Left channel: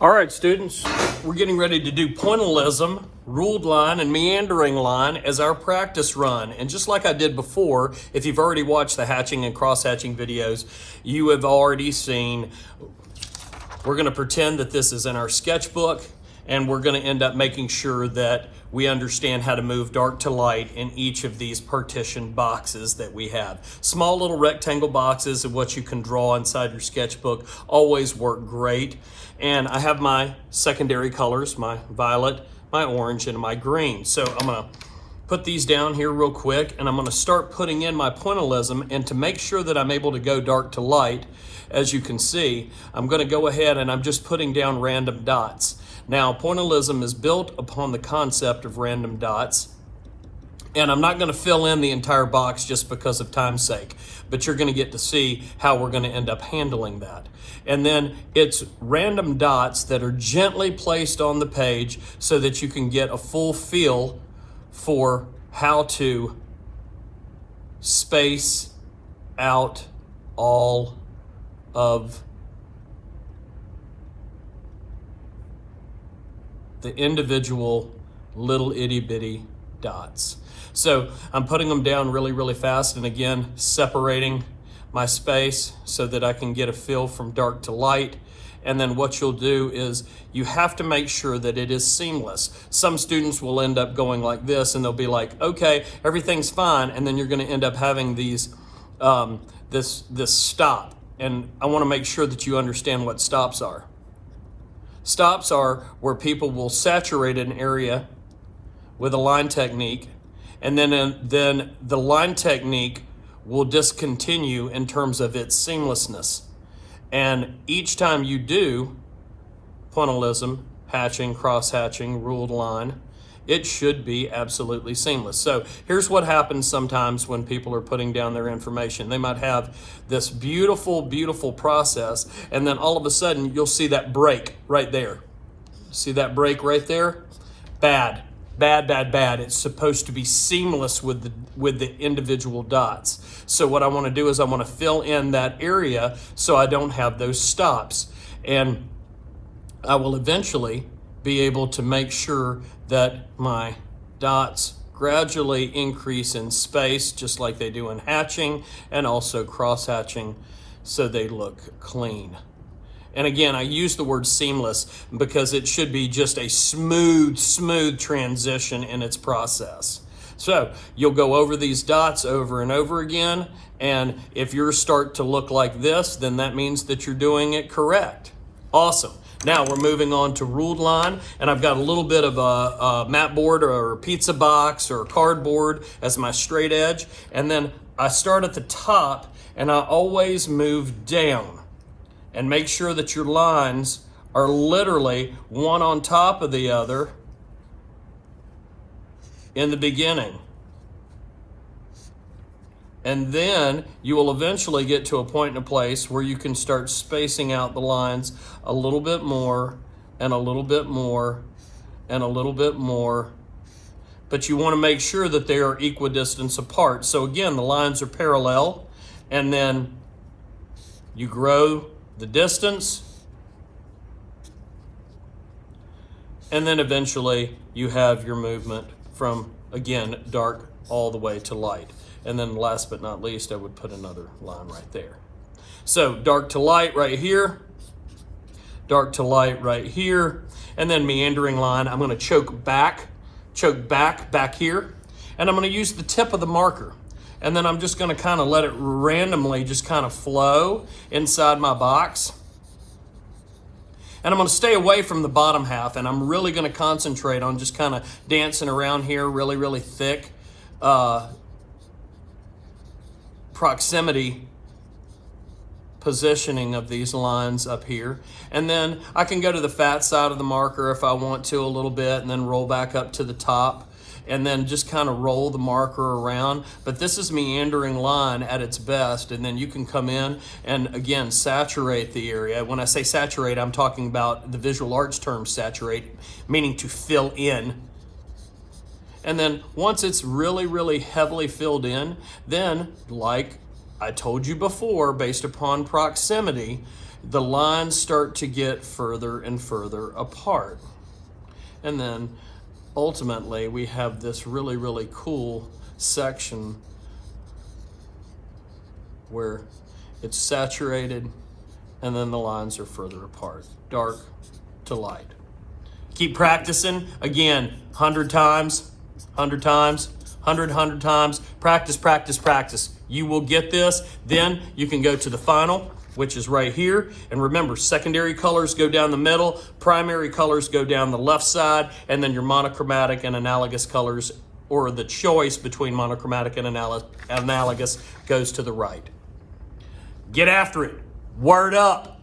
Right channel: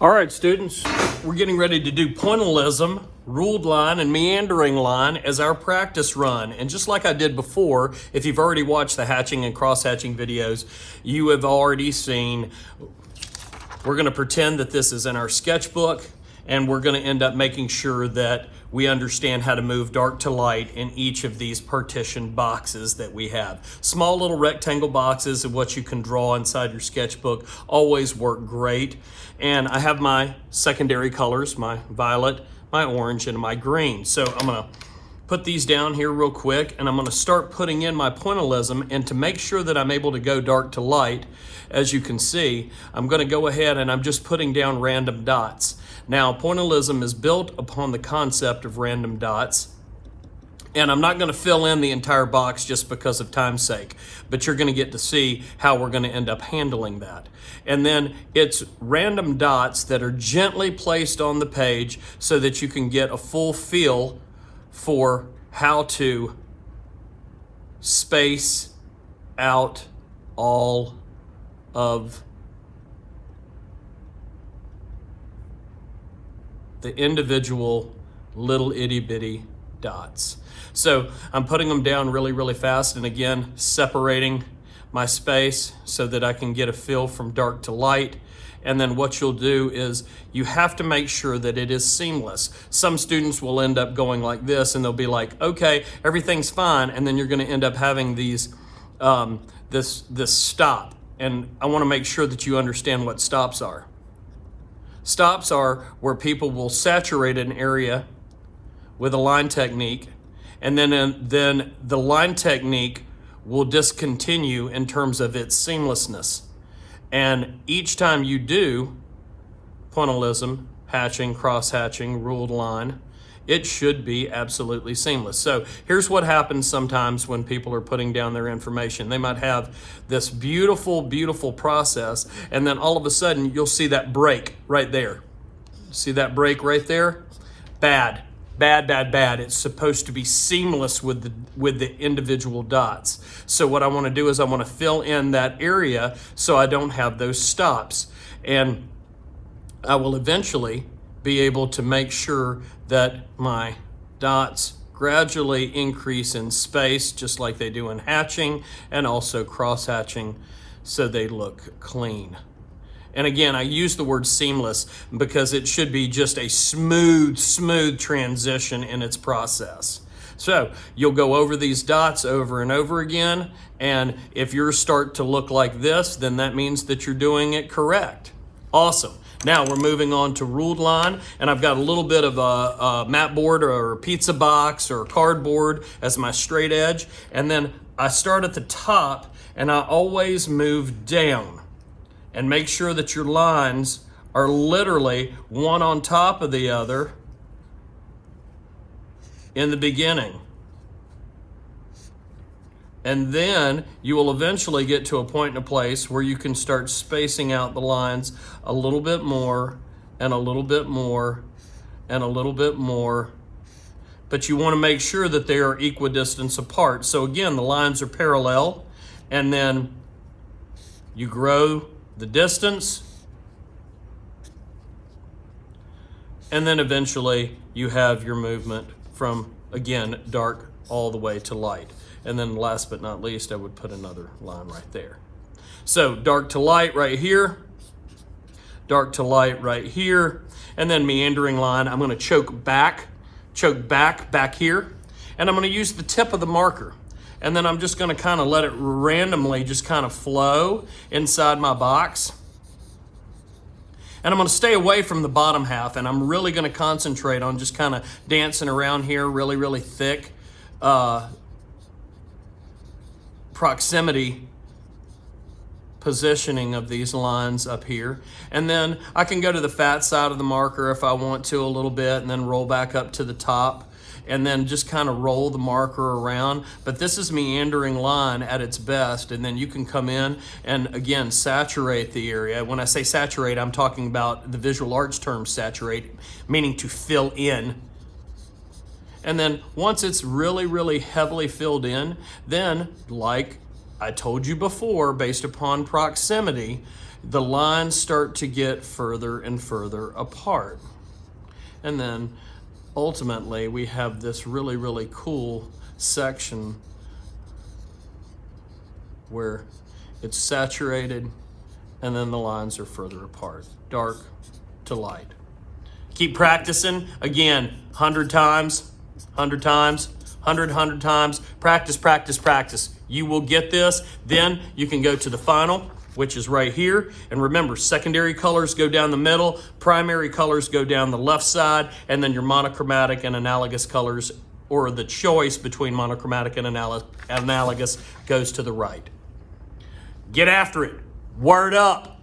All right, students, we're getting ready to do pointilism, ruled line, and meandering line as our practice run. And just like I did before, if you've already watched the hatching and cross-hatching videos, you have already seen, we're going to pretend that this is in our sketchbook, and we're going to end up making sure that we understand how to move dark to light in each of these partition boxes that we have. Small little rectangle boxes of what you can draw inside your sketchbook always work great. And I have my secondary colors, my violet, my orange, and my green. So I'm gonna put these down here real quick, and I'm gonna start putting in my pointilism. And to make sure that I'm able to go dark to light, as you can see, I'm gonna go ahead and I'm just putting down random dots. Now, pointilism is built upon the concept of random dots, and I'm not going to fill in the entire box just because of time's sake, but you're going to get to see how we're going to end up handling that. And then it's random dots that are gently placed on the page so that you can get a full feel for how to space out all of the individual little itty bitty dots. So I'm putting them down really, really fast, and again, separating my space so that I can get a feel from dark to light. And then what you'll do is you have to make sure that it is seamless. Some students will end up going like this, and they'll be like, okay, everything's fine. And then you're going to end up having these, this stop. And I want to make sure that you understand what stops are. Stops are where people will saturate an area with a line technique, and then the line technique will discontinue in terms of its seamlessness. And each time you do pointilism, hatching, cross-hatching, ruled line, it should be absolutely seamless. So here's what happens sometimes when people are putting down their information. They might have this beautiful, beautiful process, and then all of a sudden you'll see that break right there. See that break right there? Bad, bad, bad, bad. It's supposed to be seamless with the individual dots. So what I want to do is I want to fill in that area so I don't have those stops. And I will eventually be able to make sure that my dots gradually increase in space, just like they do in hatching and also cross-hatching, so they look clean. And again, I use the word seamless because it should be just a smooth transition in its process. So you'll go over these dots over and over again, and if yours start to look like this, then that means that you're doing it correct. Awesome. Now we're moving on to ruled line, and I've got a little bit of a mat board or a pizza box or a cardboard as my straight edge, and then I start at the top and I always move down, and make sure that your lines are literally one on top of the other in the beginning. And then you will eventually get to a point in a place where you can start spacing out the lines a little bit more and a little bit more and a little bit more. But you want to make sure that they are equidistant apart. So again, the lines are parallel, and then you grow the distance, and then eventually you have your movement from, again, dark all the way to light. And then last but not least, I would put another line right there. So dark to light right here, dark to light right here, and then meandering line. I'm going to choke back here, and I'm going to use the tip of the marker. And then I'm just going to kind of let it randomly just kind of flow inside my box. And I'm going to stay away from the bottom half, and I'm really going to concentrate on just kind of dancing around here really, really thick proximity positioning of these lines up here. And then I can go to the fat side of the marker if I want to a little bit, and then roll back up to the top, and then just kind of roll the marker around. But this is meandering line at its best, and then you can come in and again saturate the area. When I say saturate, I'm talking about the visual arts term saturate, meaning to fill in. And then once it's really, really heavily filled in, then like I told you before, based upon proximity, the lines start to get further and further apart. And then ultimately we have this really, really cool section where it's saturated and then the lines are further apart, dark to light. Keep practicing. Again, 100 times, 100 times, 100 times. Practice, practice, practice. You will get this. Then you can go to the final, which is right here. And remember, secondary colors go down the middle, primary colors go down the left side, and then your monochromatic and analogous colors, or the choice between monochromatic and analogous, goes to the right. Get after it. Word up.